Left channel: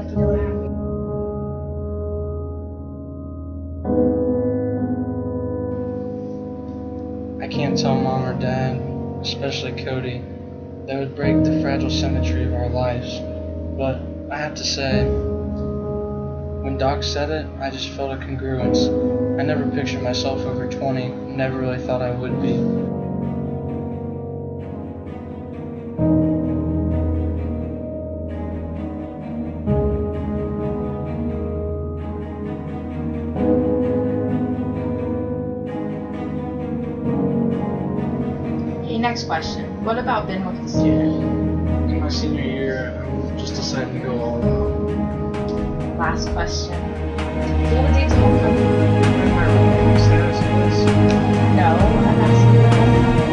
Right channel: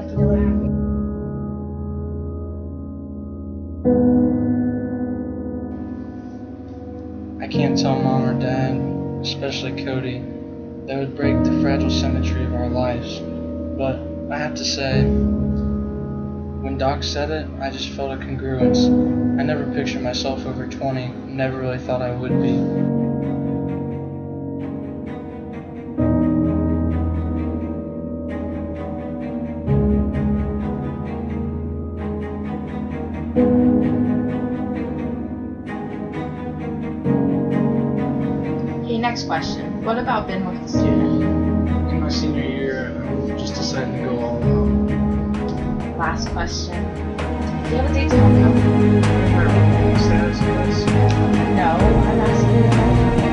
have to go back. I can't tell Mom or Dad, especially Cody. That would break the fragile symmetry of our lives. But I have to say, when Doc said it, I just felt a congruence. I never pictured myself over 20, never really thought I would be. Okay, next question. What about being with the student? In my senior year, I'm just deciding to go all out. Last question. Do you have a date to homecoming? Am I remaining status in this? No, I'm asking you to homecoming.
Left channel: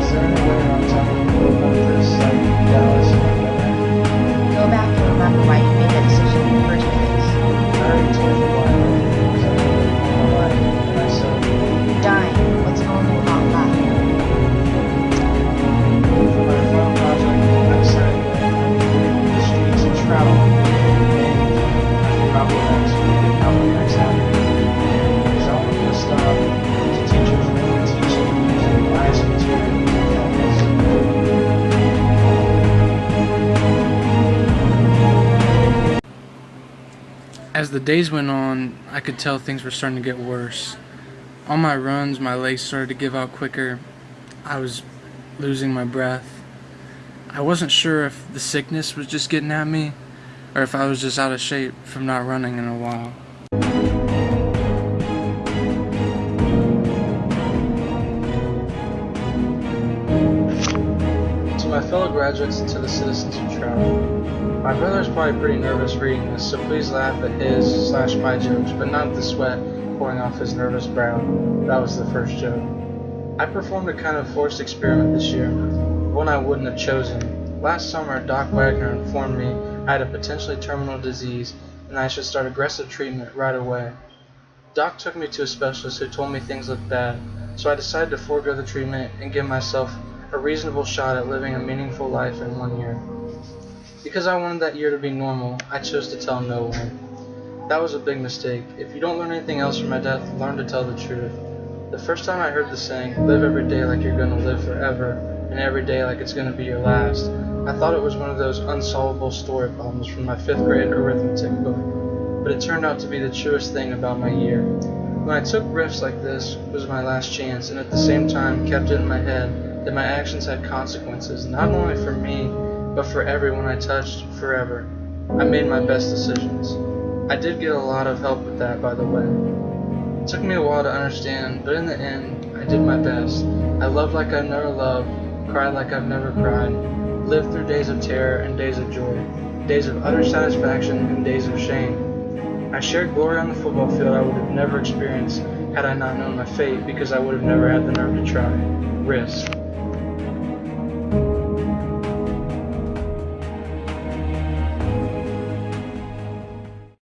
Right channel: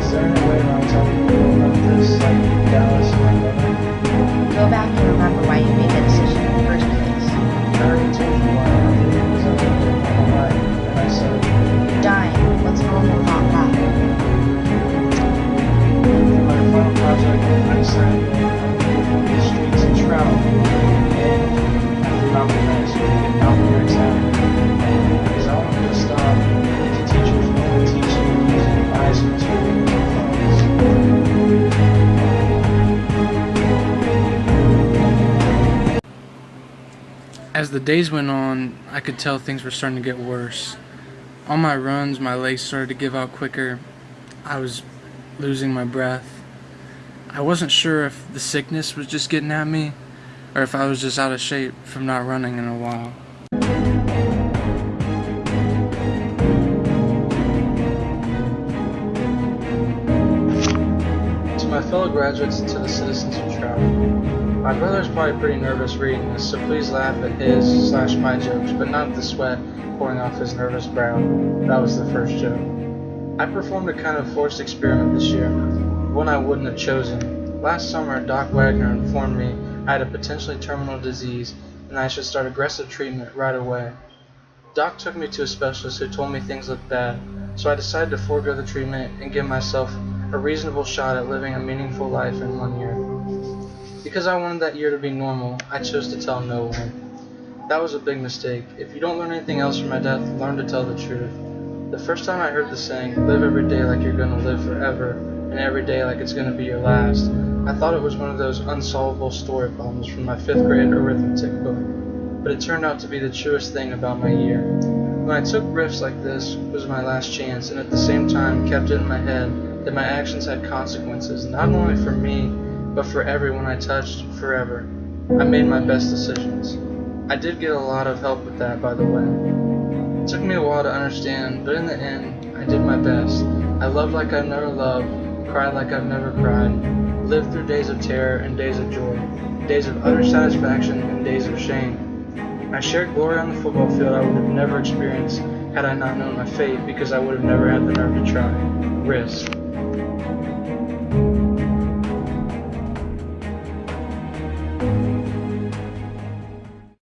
Is there any way around telling people about this, like Dallas and my brother? Go back and remember why you made that decision in the first place. I already told you why. I did it because I wanted to live my life, and I said, You're dying. What's normal about that? for my final project, I decided that I would leave the streets and travel, and after Malcolm X, we did Malcolm X Avenue, because I wanted to stop to teachers only teaching and using biased materials and funds. As the days went on, I could tell things were starting to get worse. On my runs, my legs started to give out quicker. I was losing my breath. I wasn't sure if the sickness was just getting at me, or if I was just out of shape from not running in a while. To my fellow graduates and to the citizens who travel, my brother's probably pretty nervous reading this, so please laugh at his/my jokes, but not at the sweat pouring off his nervous brow. That was the first joke. I performed a kind of forced experiment this year, one I wouldn't have chosen. Last summer, Doc Wagner informed me I had a potentially terminal disease and I should start aggressive treatment right away. Doc took me to a specialist who told me things looked bad, so I decided to forego the treatment and give myself a reasonable shot at living a meaningful life in 1 year. Because I wanted that year to be normal, I chose to tell no one. That was a big mistake. If you don't learn anything else from my death, learn to tell the truth. The first time I heard the saying, live every day like you're going to live forever, and every day like it's going to be your last, I thought it was one of those unsolvable story problems from my 5th grade arithmetic book. But it turned out to be the truest thing about my year. When I took risks like this, it was my last chance, and at the same time kept it in my head that my actions had consequences, not only for me, but for everyone I touched forever. I made my best decisions. I did get a lot of help with that, by the way. It took me a while to understand, but in the end, I did my best. I loved like I've never loved, cried like I've never cried, lived through days of terror and days of joy, days of utter satisfaction and days of shame. I shared glory on the football field I would have never experienced had I not known my fate, because I would have never had the nerve to try. Risk.